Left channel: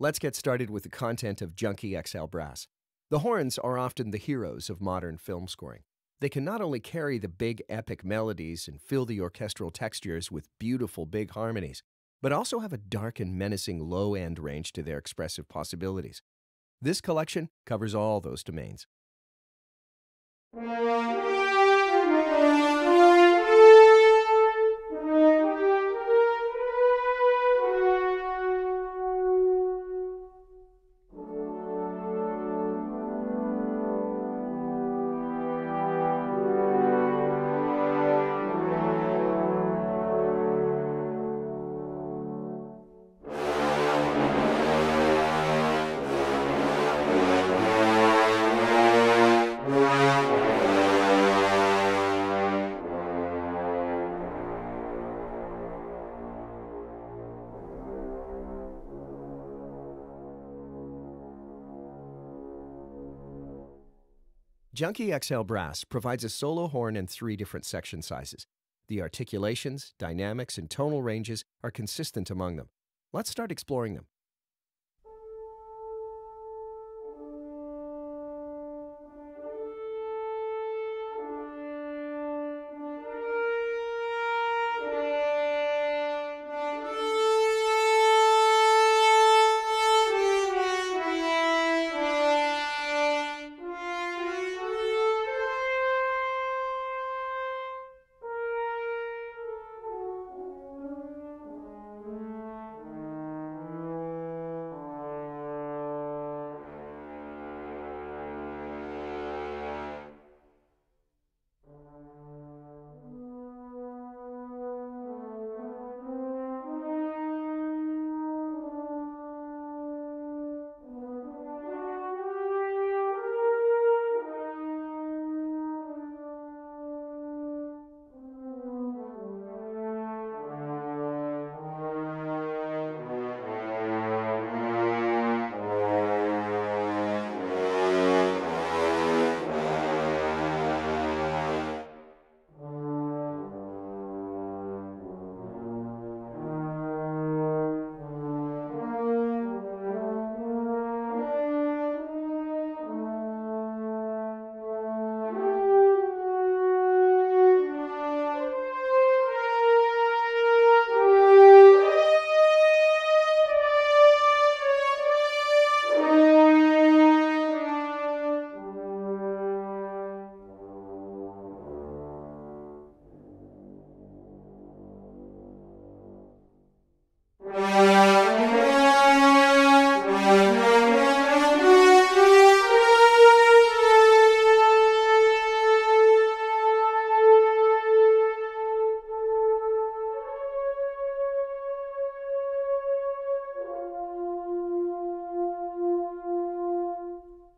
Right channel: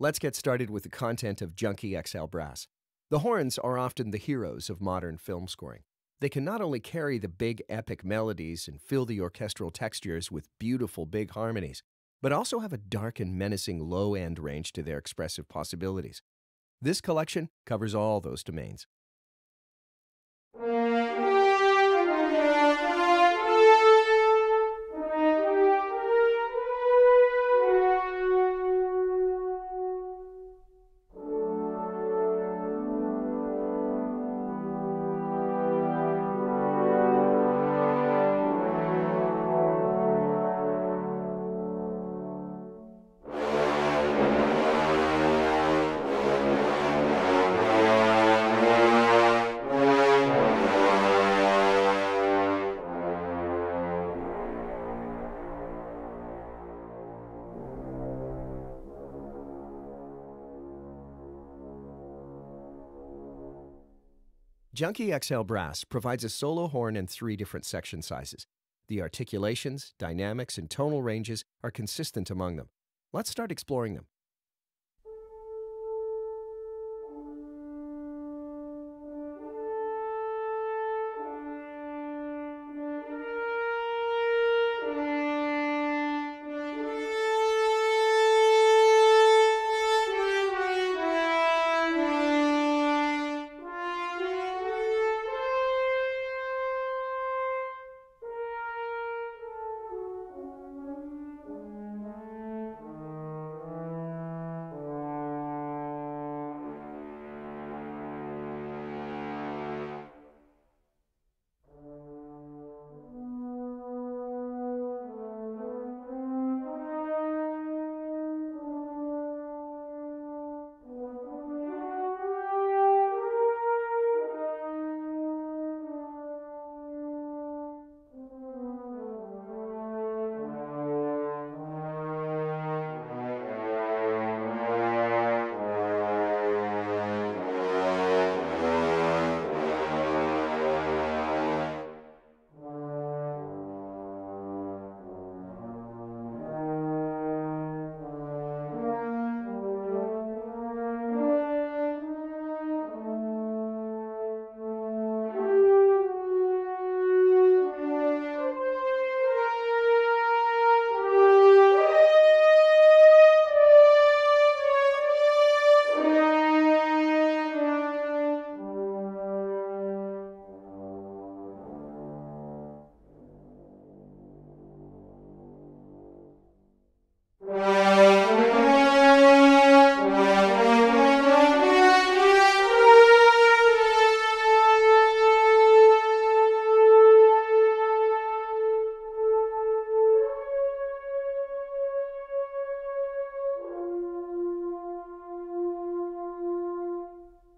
Let's get started with the content of Junkie XL Brass. The horns are often the heroes of modern film scoring. They can not only carry the big epic melodies and fill the orchestral textures with beautiful big harmonies, but also have a dark and menacing low-end range to their expressive possibilities. This collection covers all those domains. Junkie XL Brass provides a solo horn in 3 different section sizes. The articulations, dynamics, and tonal ranges are consistent among them. Let's start exploring them.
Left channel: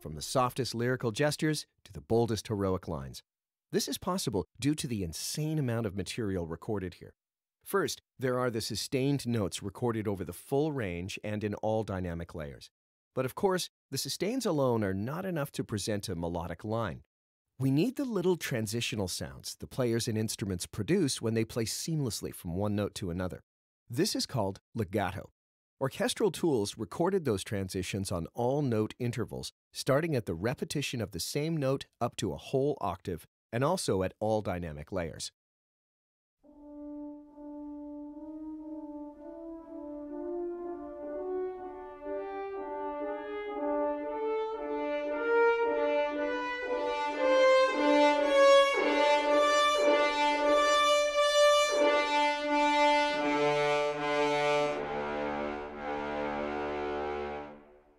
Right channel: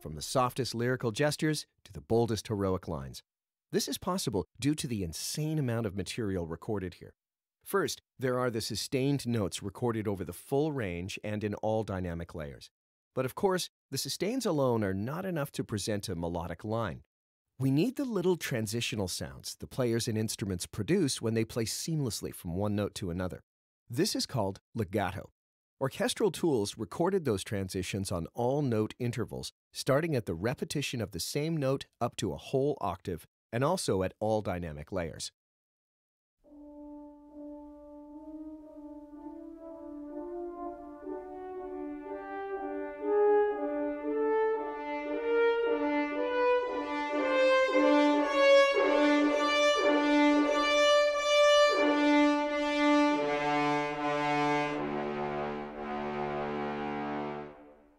From the softest lyrical gestures to the boldest heroic lines. This is possible due to the insane amount of material recorded here. First, there are the sustained notes recorded over the full range and in all dynamic layers. But of course, the sustains alone are not enough to present a melodic line. We need the little transitional sounds the players and instruments produce when they play seamlessly from one note to another. This is called legato. Orchestral tools recorded those transitions on all note intervals, starting at the repetition of the same note up to a whole octave, and also at all dynamic layers.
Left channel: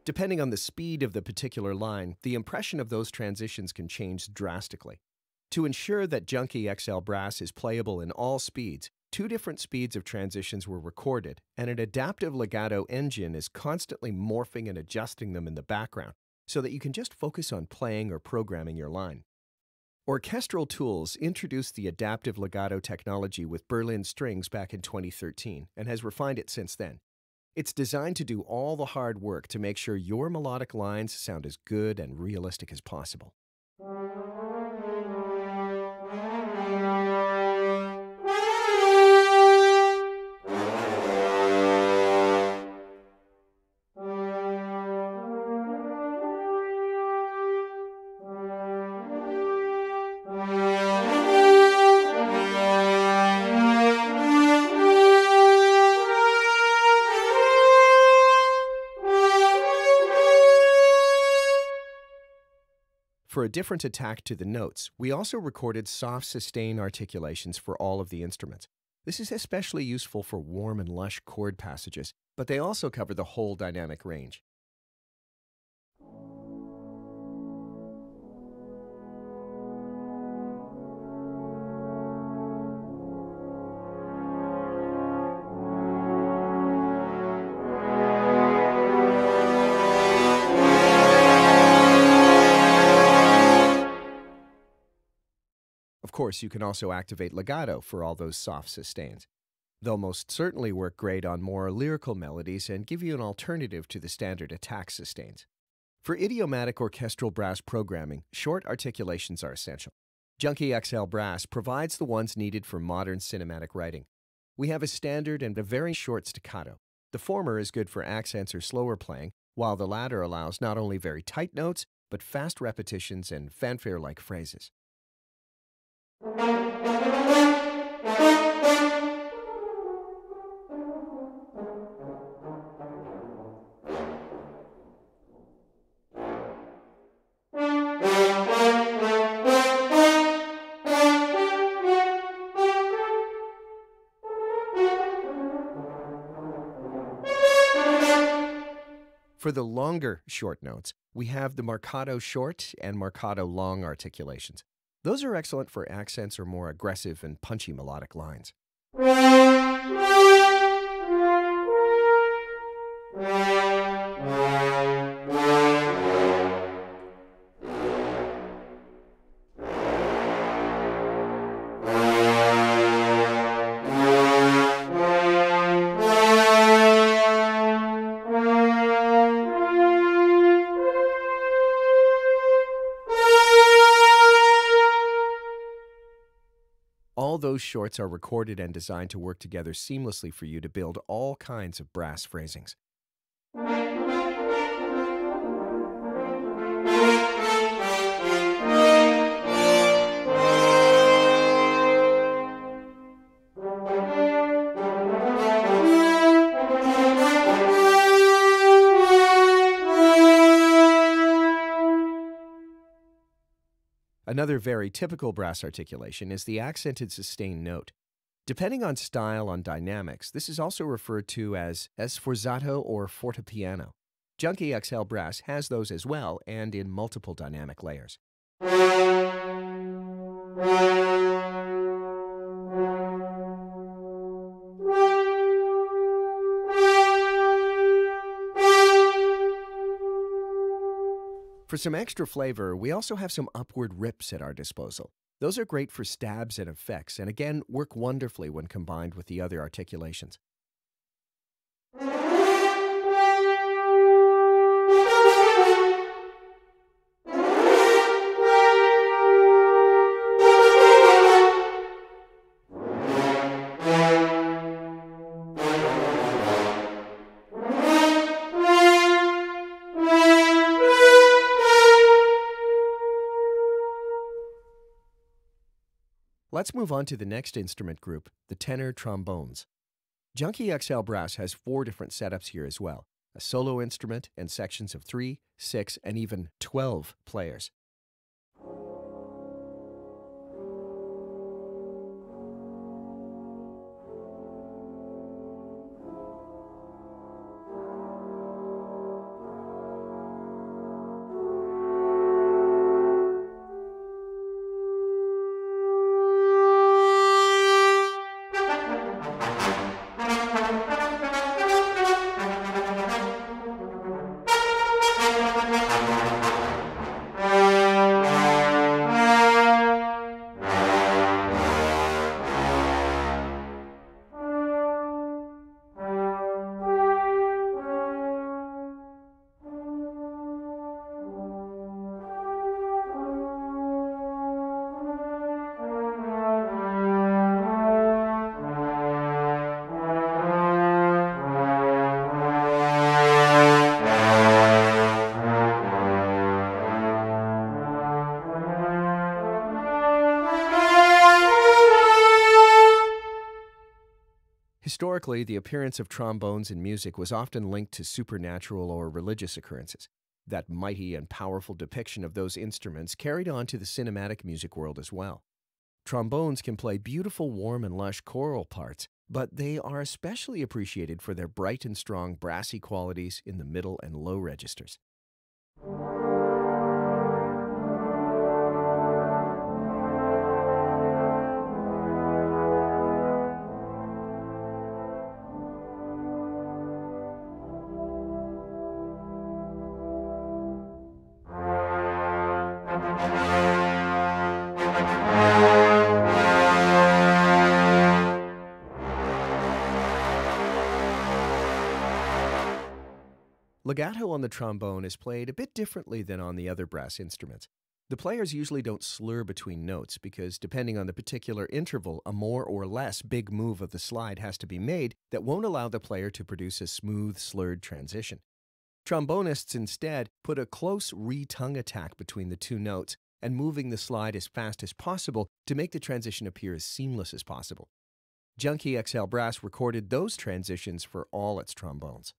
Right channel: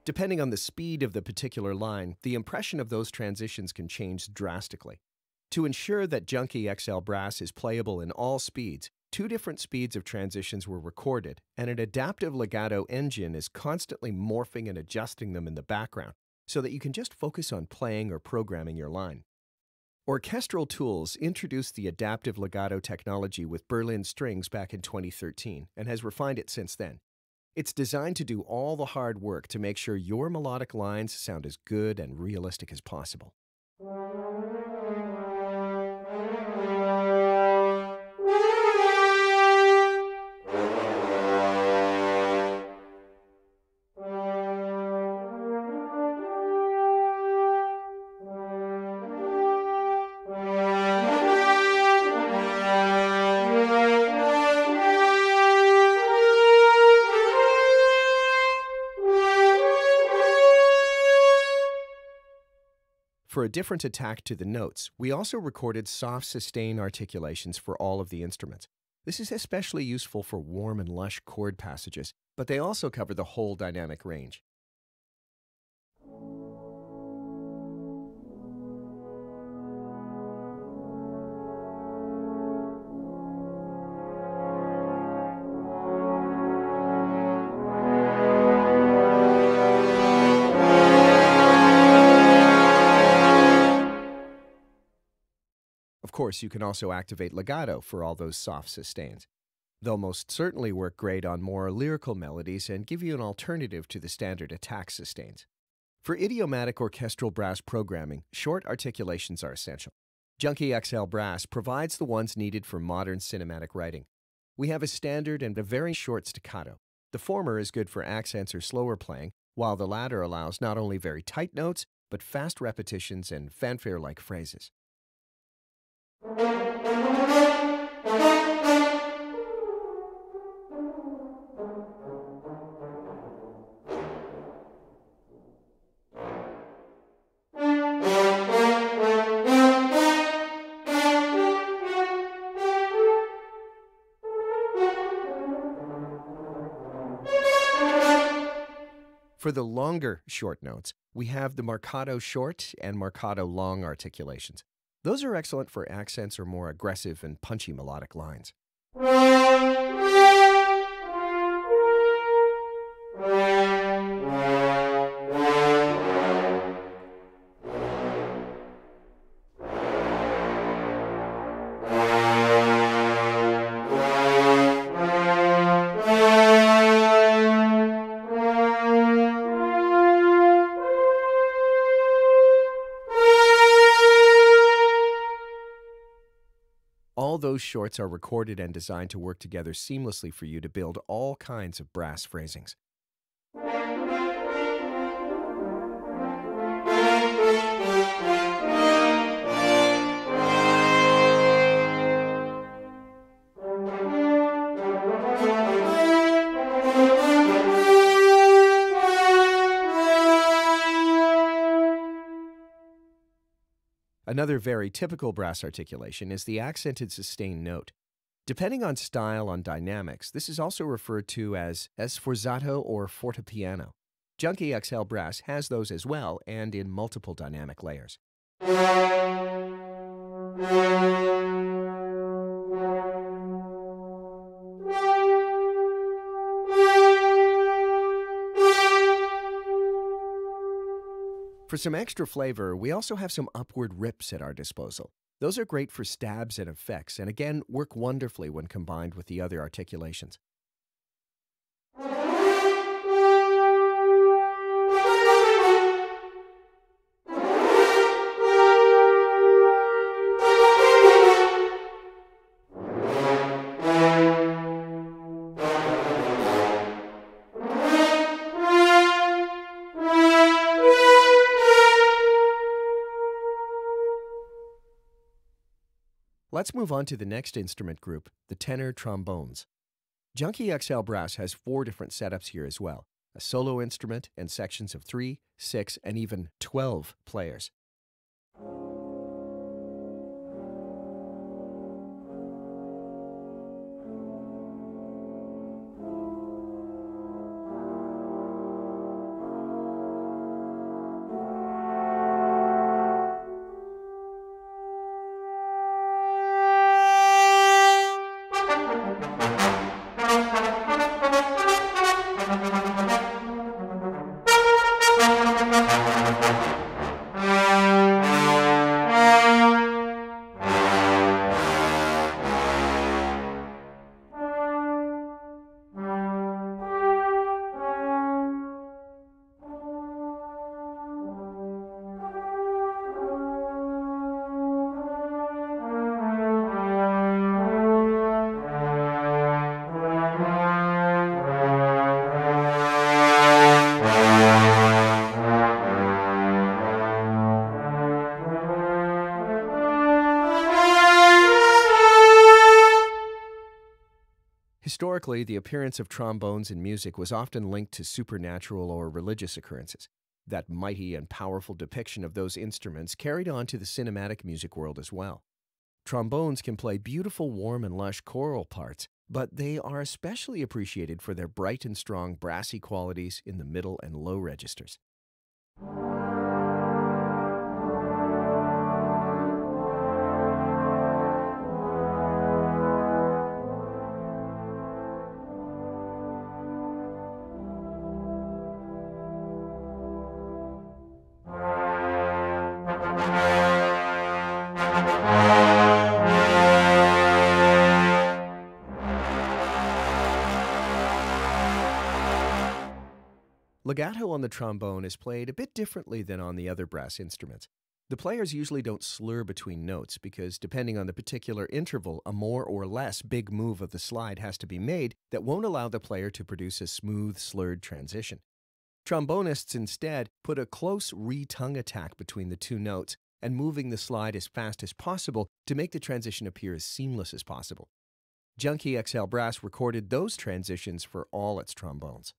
Depending on the speed of the particular line, the impression of those transitions can change drastically. To ensure that Junkie XL Brass is playable in all speeds, 2 different speeds of transitions were recorded, and an adaptive legato engine is constantly morphing and adjusting them in the background, so that you can just focus on playing or programming your line. Orchestral Tools introduced the adaptive legato technology with Berlin Strings back in 2013, and has refined it since then. It's designed to do all the hard work to make sure your melodic lines sound as good and realistic as possible. For a different attack to the notes, we also recorded soft sustain articulations for all of the instruments. This is especially useful for warm and lush chord passages, but they also cover the whole dynamic range. Of course, you can also activate legato for all those soft sustains. They'll most certainly work great on more lyrical melodies and give you an alternative to the standard attack sustains. For idiomatic orchestral brass programming, short articulations are essential. Junkie XL Brass provides the ones needed for modern cinematic writing. We have a standard and a very short staccato. The former is good for accents or slower playing, while the latter allows not only very tight notes, but fast repetitions and fanfare-like phrases. For the longer short notes, we have the marcato short and marcato long articulations. Those are excellent for accents or more aggressive and punchy melodic lines. All those shorts are recorded and designed to work together seamlessly for you to build all kinds of brass phrasings. Another very typical brass articulation is the accented sustained note. Depending on style on dynamics, this is also referred to as sforzato or fortepiano. Junkie XL Brass has those as well and in multiple dynamic layers. For some extra flavor, we also have some upward rips at our disposal. Those are great for stabs and effects, and again, work wonderfully when combined with the other articulations. Let's move on to the next instrument group, the tenor trombones. Junkie XL Brass has 4 different setups here as well, a solo instrument and sections of 3, 6, and even 12 players. Historically, the appearance of trombones in music was often linked to supernatural or religious occurrences. That mighty and powerful depiction of those instruments carried on to the cinematic music world as well. Trombones can play beautiful, warm, and lush choral parts, but they are especially appreciated for their bright and strong brassy qualities in the middle and low registers. Legato on the trombone is played a bit differently than on the other brass instruments. The players usually don't slur between notes because, depending on the particular interval, a more or less big move of the slide has to be made that won't allow the player to produce a smooth, slurred transition. Trombonists instead put a close re-tongue attack between the two notes and moving the slide as fast as possible to make the transition appear as seamless as possible. Junkie XL Brass recorded those transitions for all its trombones.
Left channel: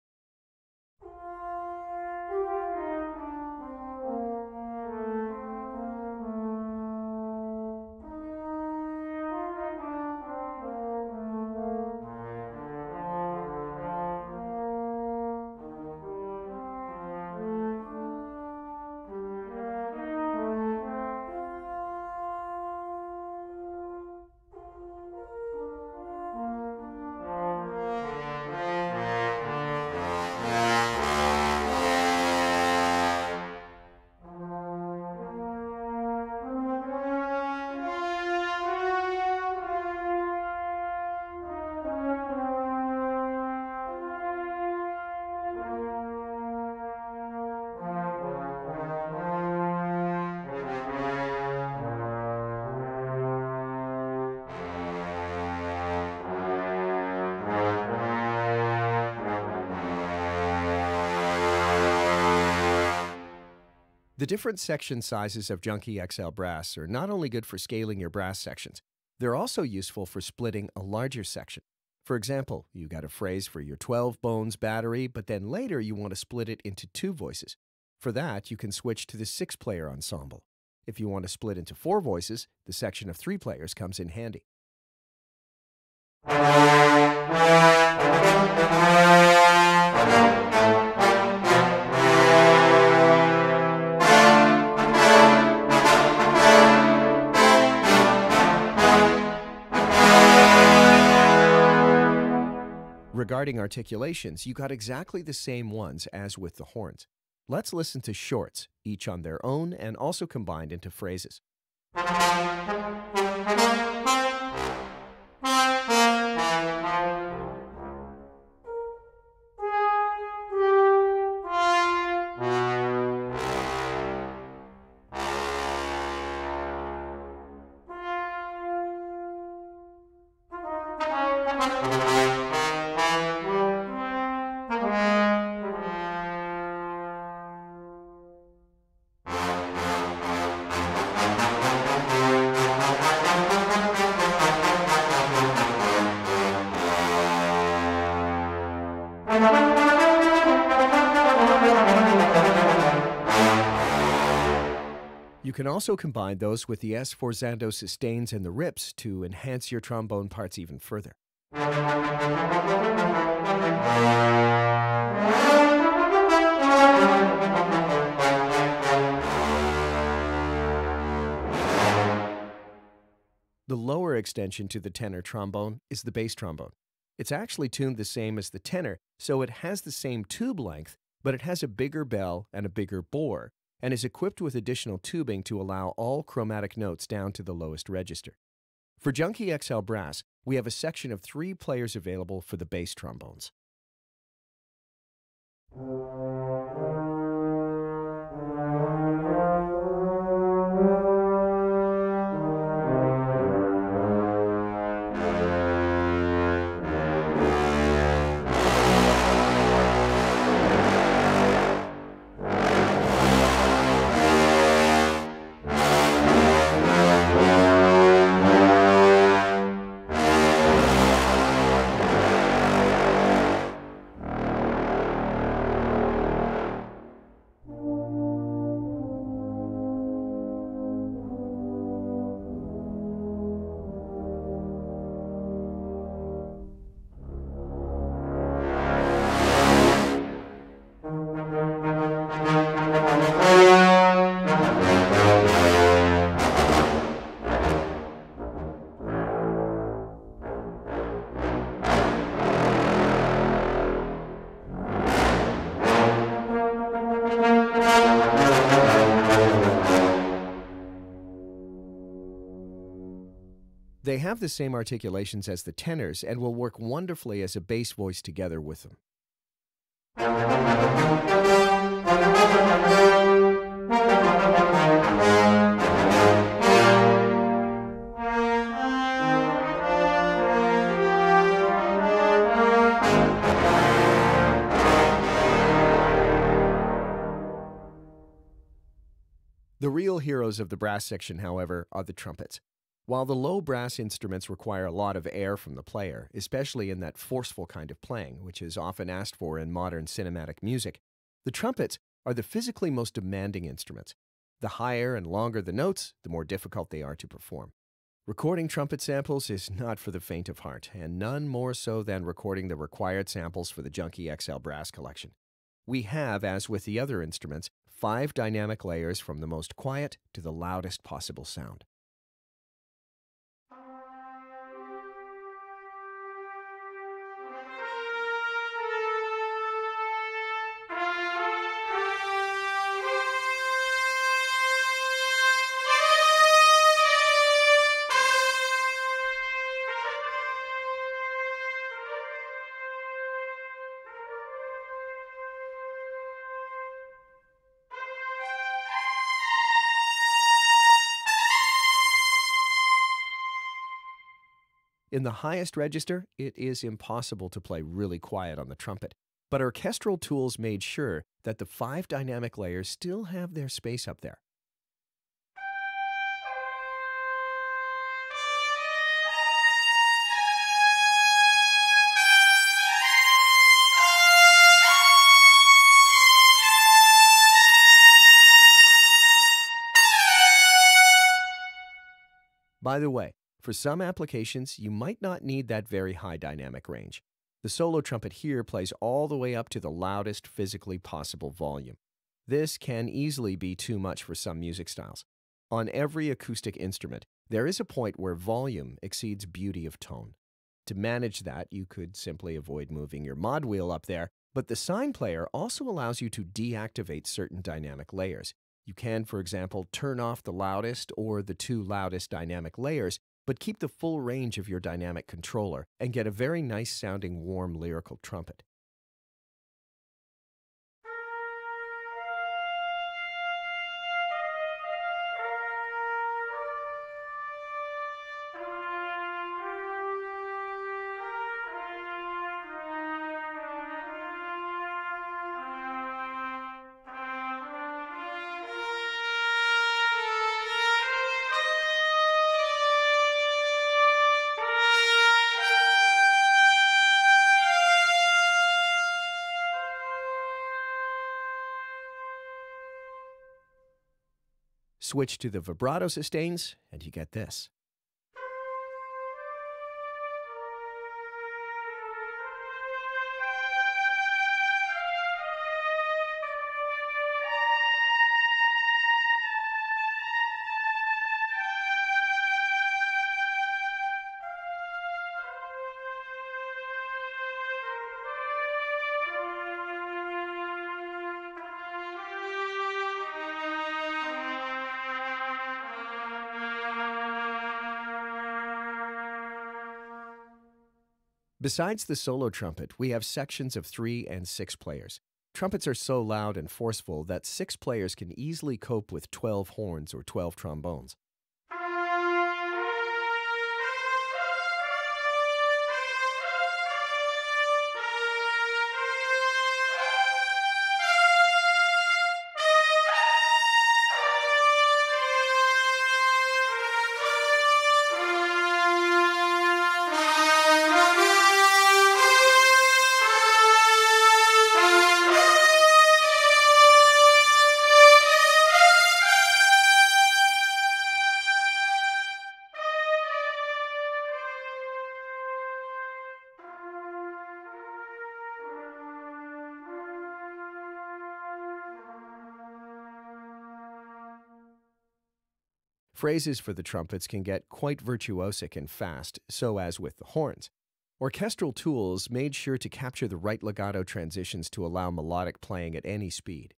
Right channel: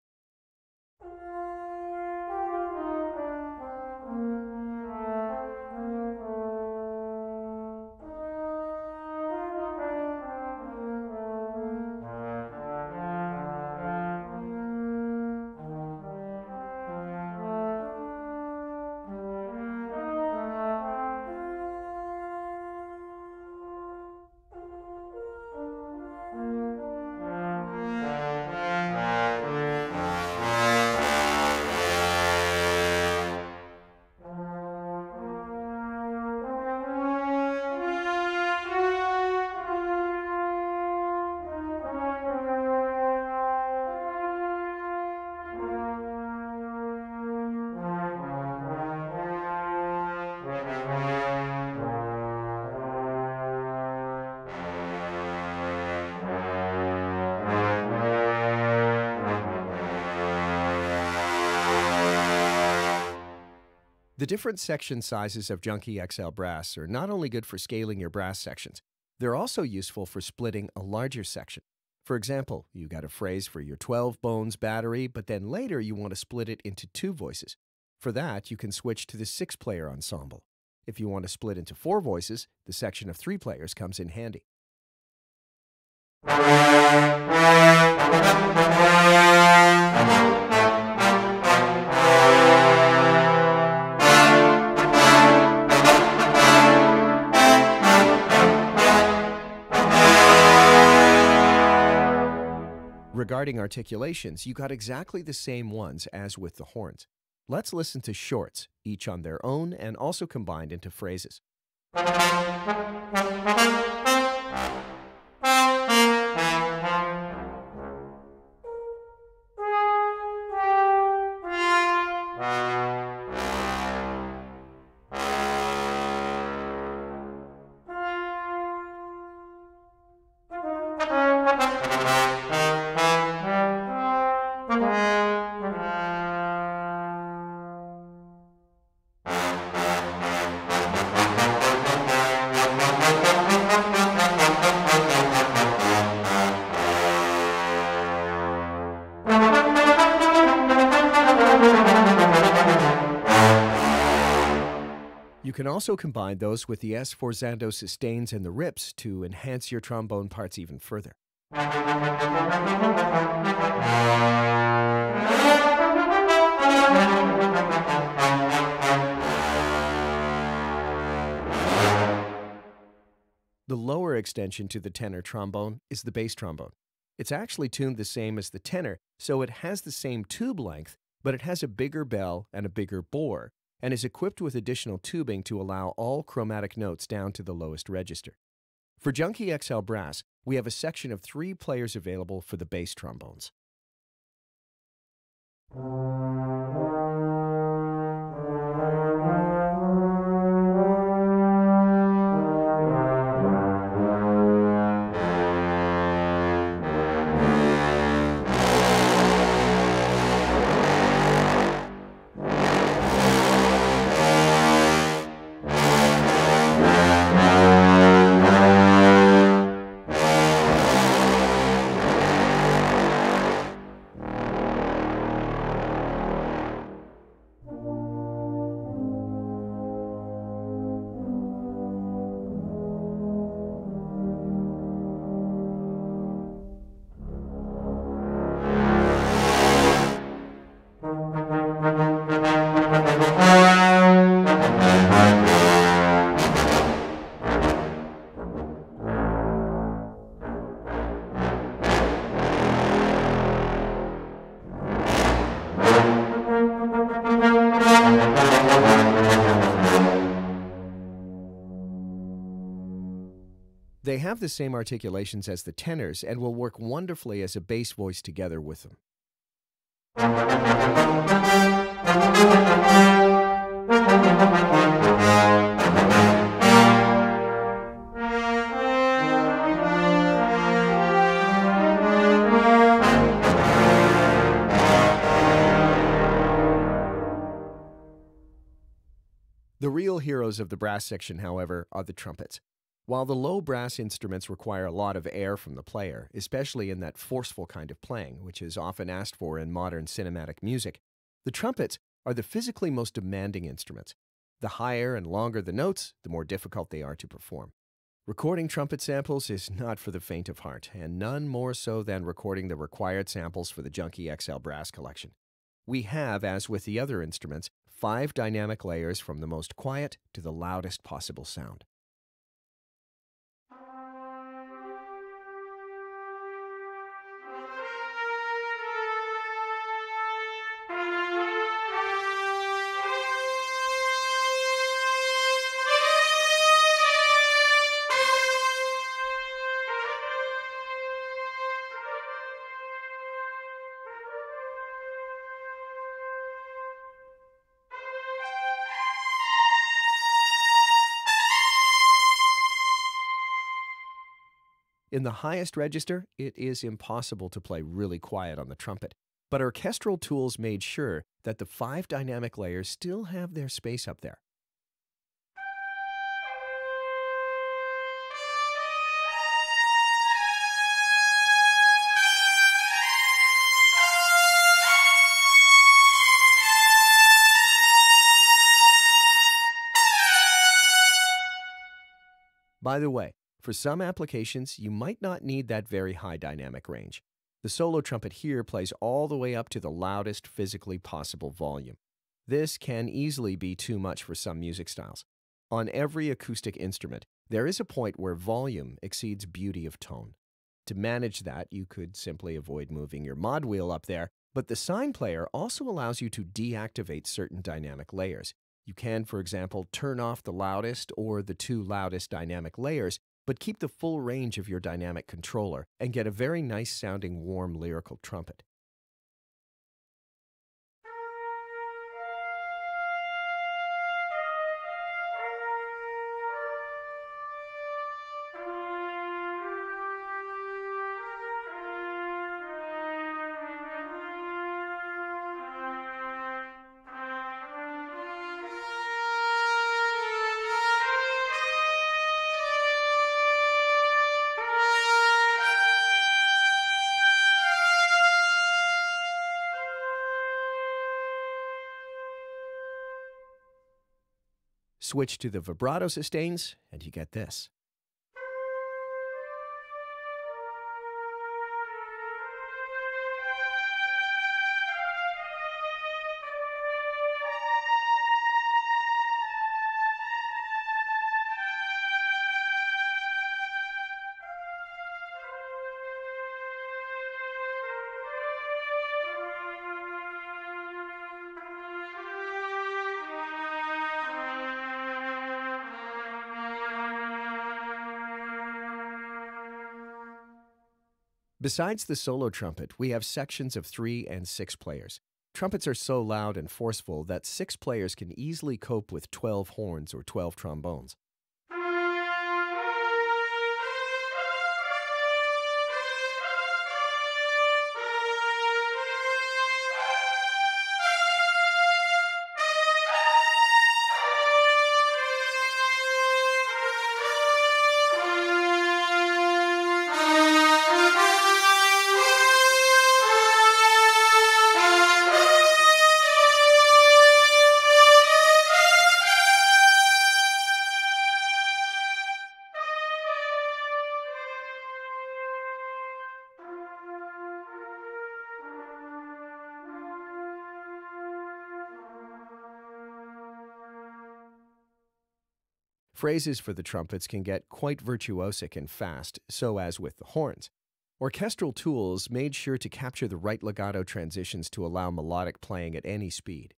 The different section sizes of Junkie XL Brass are not only good for scaling your brass sections, they're also useful for splitting a larger section. For example, you got a phrase for your 12 bones battery, but then later you want to split it into 2 voices. For that, you can switch to the 6-player ensemble. If you want to split into 4 voices, the section of 3 players comes in handy. Regarding articulations, you got exactly the same ones as with the horns. Let's listen to shorts, each on their own and also combined into phrases. You can also combine those with the sforzando sustains and the rips to enhance your trombone parts even further. The lower extension to the tenor trombone is the bass trombone. It's actually tuned the same as the tenor, so it has the same tube length, but it has a bigger bell and a bigger bore, and is equipped with additional tubing to allow all chromatic notes down to the lowest register. For Junkie XL Brass, we have a section of 3 players available for the bass trombones. They have the same articulations as the tenors and will work wonderfully as a bass voice together with them. The real heroes of the brass section, however, are the trumpets. While the low brass instruments require a lot of air from the player, especially in that forceful kind of playing, which is often asked for in modern cinematic music, the trumpets are the physically most demanding instruments. The higher and longer the notes, the more difficult they are to perform. Recording trumpet samples is not for the faint of heart, and none more so than recording the required samples for the Junkie XL brass collection. We have, as with the other instruments, 5 dynamic layers from the most quiet to the loudest possible sound. In the highest register, it is impossible to play really quiet on the trumpet, but orchestral tools made sure that the 5 dynamic layers still have their space up there. By the way, for some applications, you might not need that very high dynamic range. The solo trumpet here plays all the way up to the loudest physically possible volume. This can easily be too much for some music styles. On every acoustic instrument, there is a point where volume exceeds beauty of tone. To manage that, you could simply avoid moving your mod wheel up there, but the sine player also allows you to deactivate certain dynamic layers. You can, for example, turn off the loudest or the 2 loudest dynamic layers, but keep the full range of your dynamic controller and get a very nice sounding warm lyrical trumpet. Switch to the vibrato sustains, and you get this. Besides the solo trumpet, we have sections of 3 and 6 players. Trumpets are so loud and forceful that 6 players can easily cope with 12 horns or 12 trombones. Phrases for the trumpets can get quite virtuosic and fast, so as with the horns. Orchestral tools made sure to capture the right legato transitions to allow melodic playing at any speed.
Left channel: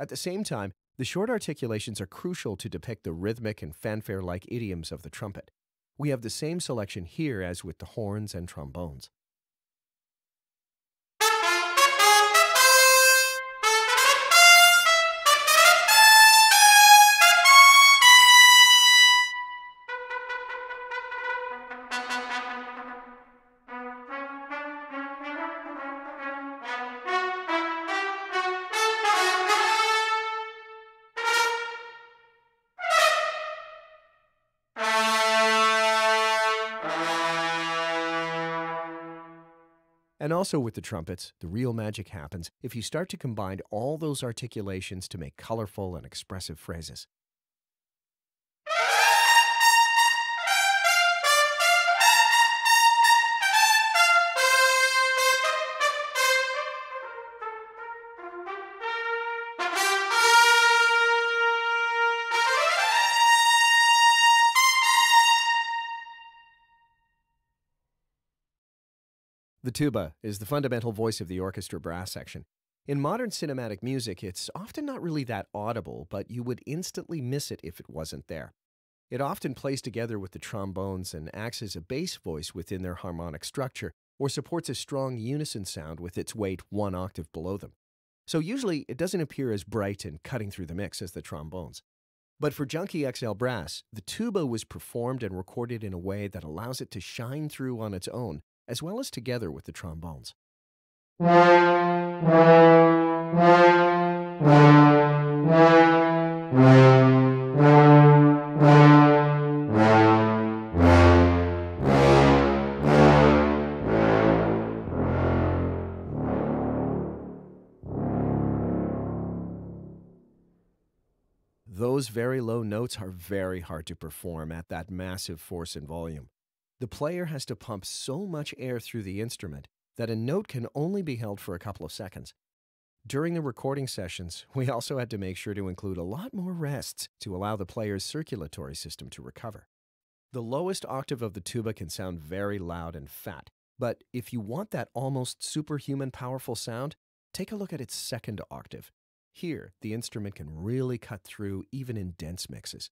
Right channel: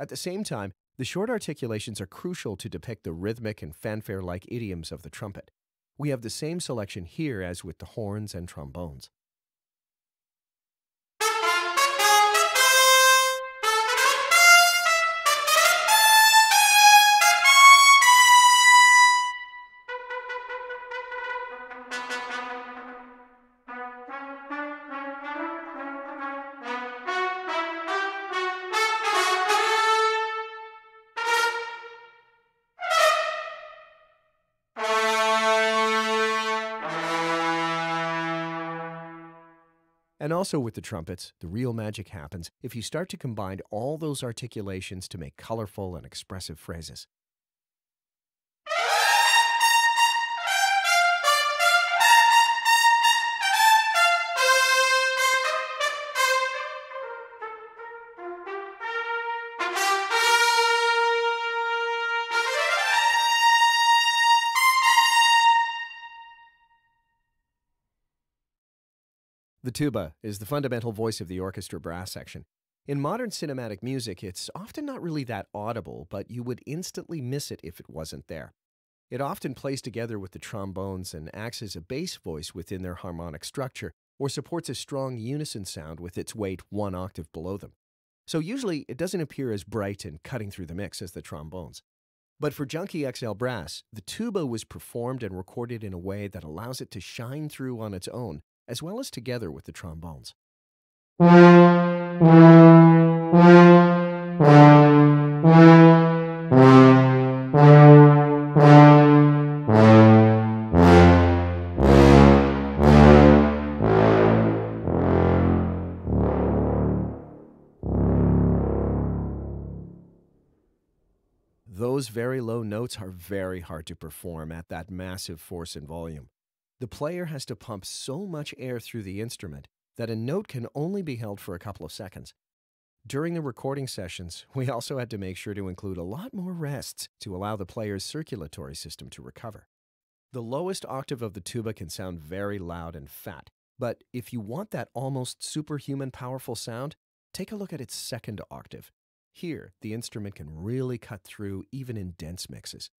At the same time, the short articulations are crucial to depict the rhythmic and fanfare-like idioms of the trumpet. We have the same selection here as with the horns and trombones. And also with the trumpets, the real magic happens if you start to combine all those articulations to make colorful and expressive phrases. The tuba is the fundamental voice of the orchestra brass section. In modern cinematic music, it's often not really that audible, but you would instantly miss it if it wasn't there. It often plays together with the trombones and acts as a bass voice within their harmonic structure, or supports a strong unison sound with its weight one octave below them. So usually it doesn't appear as bright and cutting through the mix as the trombones. But for Junkie XL Brass, the tuba was performed and recorded in a way that allows it to shine through on its own, as well as together with the trombones. Those very low notes are very hard to perform at that massive force and volume. The player has to pump so much air through the instrument that a note can only be held for a couple of seconds. During the recording sessions, we also had to make sure to include a lot more rests to allow the player's circulatory system to recover. The lowest octave of the tuba can sound very loud and fat, but if you want that almost superhuman powerful sound, take a look at its second octave. Here, the instrument can really cut through even in dense mixes.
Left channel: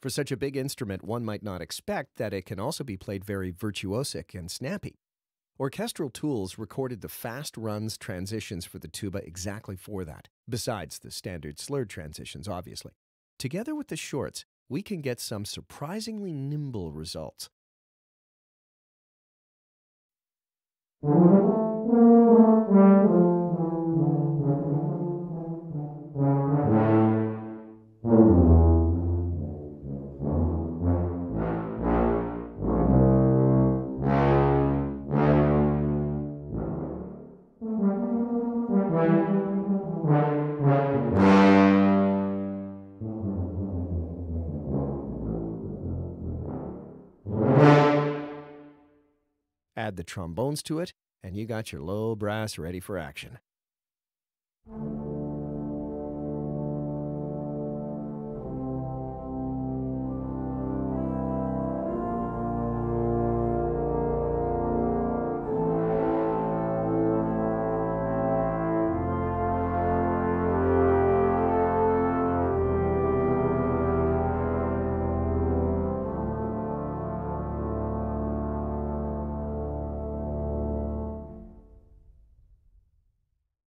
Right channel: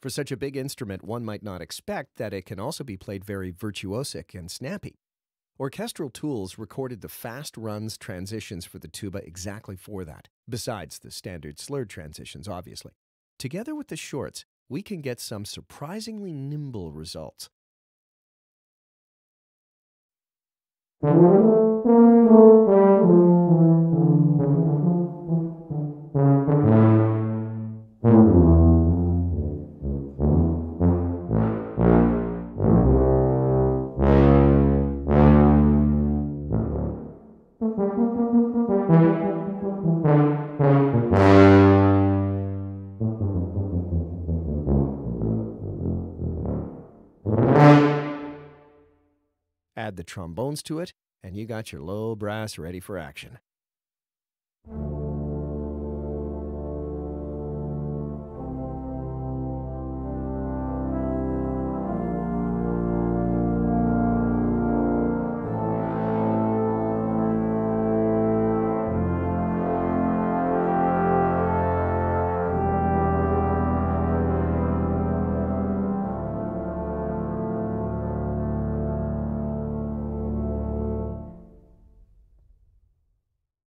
For such a big instrument, one might not expect that it can also be played very virtuosic and snappy. Orchestral Tools recorded the fast runs transitions for the tuba exactly for that, besides the standard slurred transitions, obviously. Together with the shorts, we can get some surprisingly nimble results. Add the trombones to it, and you got your low brass ready for action.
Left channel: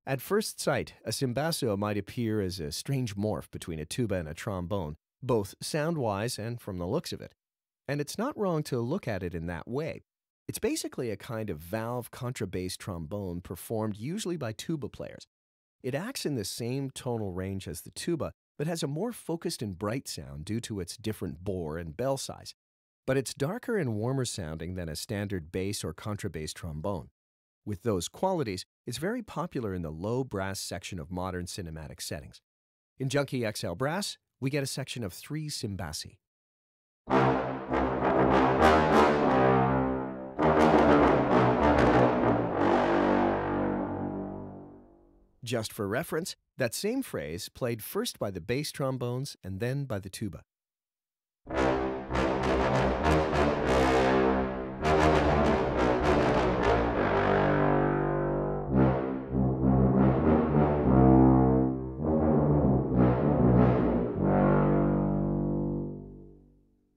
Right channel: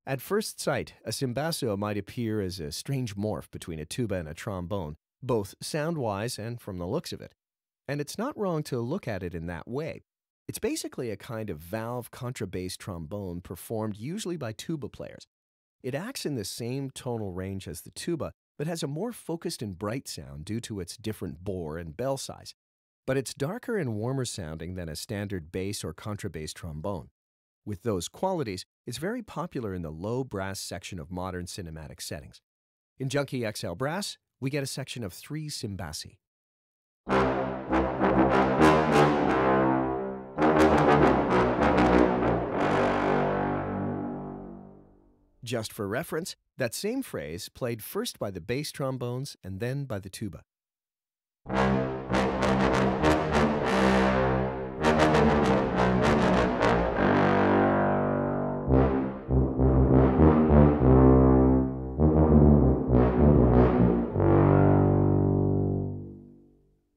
At first sight, a cimbasso might appear as a strange morph between a tuba and a trombone, both sound-wise and from the looks of it. And it's not wrong to look at it in that way. It's basically a kind of valve contrabass trombone performed usually by tuba players. It acts in the same tonal range as the tuba, that has a more focused and bright sound due to its different bore and bell size, but it's darker and warmer sounding than a standard bass or contrabass trombone. With those qualities, it's very popular in the low brass section of modern cinematic settings. In Junkie XL Brass, we get a section of 3 cymbassi. Just for reference, that same phrase played first by the bass trombones and then by the tuba.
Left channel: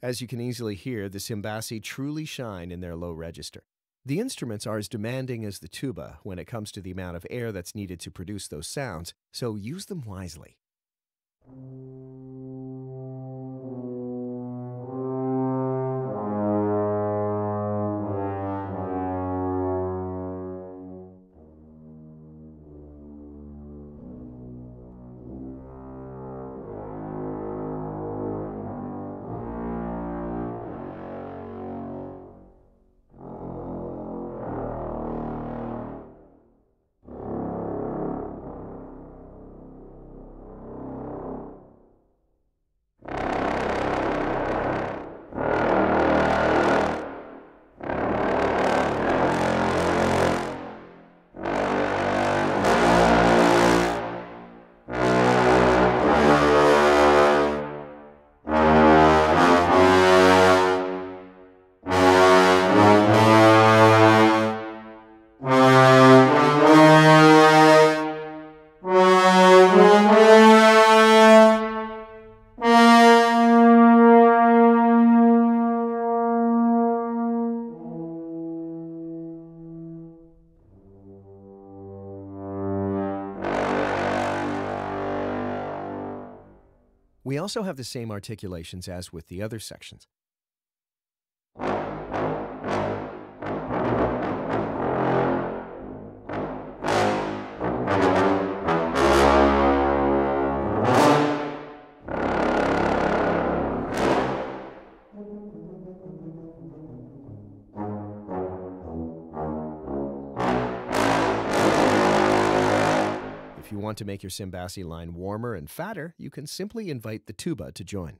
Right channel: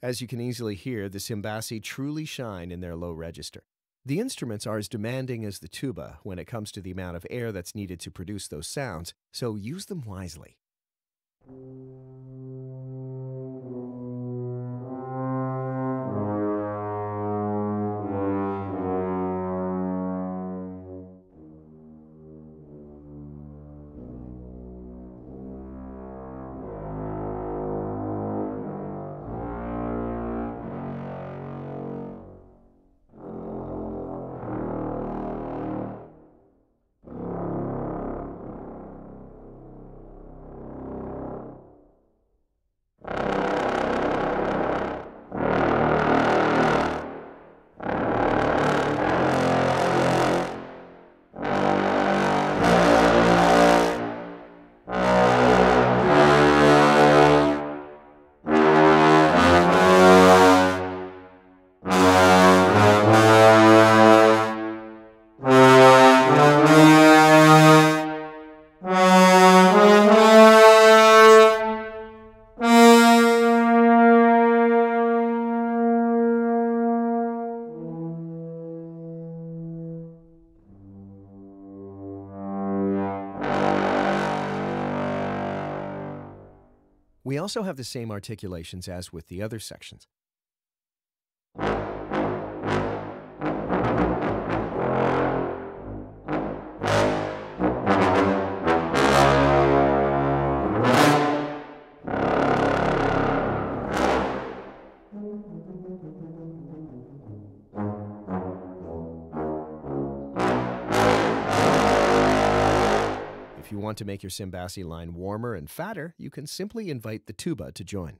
As you can easily hear, the cymbassi truly shine in their low register. The instruments are as demanding as the tuba when it comes to the amount of air that's needed to produce those sounds, so use them wisely. We also have the same articulations as with the other sections. If you want to make your cymbassi line warmer and fatter, you can simply invite the tuba to join.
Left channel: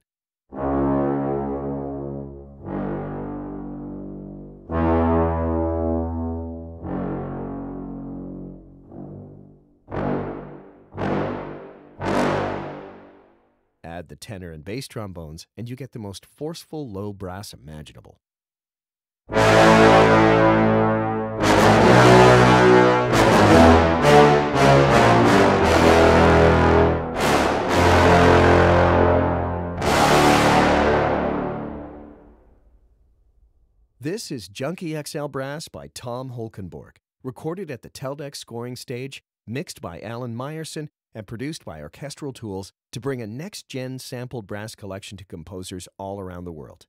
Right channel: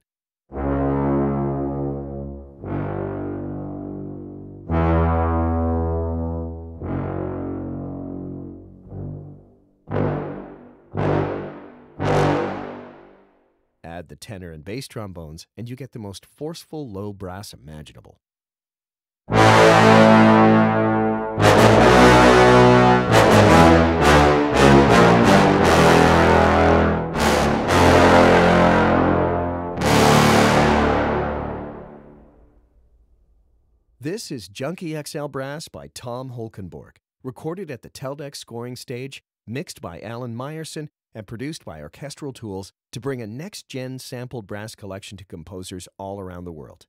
Add the tenor and bass trombones, and you get the most forceful low brass imaginable. This is Junkie XL Brass by Tom Holkenborg, recorded at the Teldec scoring stage, mixed by Alan Meyerson, and produced by Orchestral Tools to bring a next-gen sampled brass collection to composers all around the world.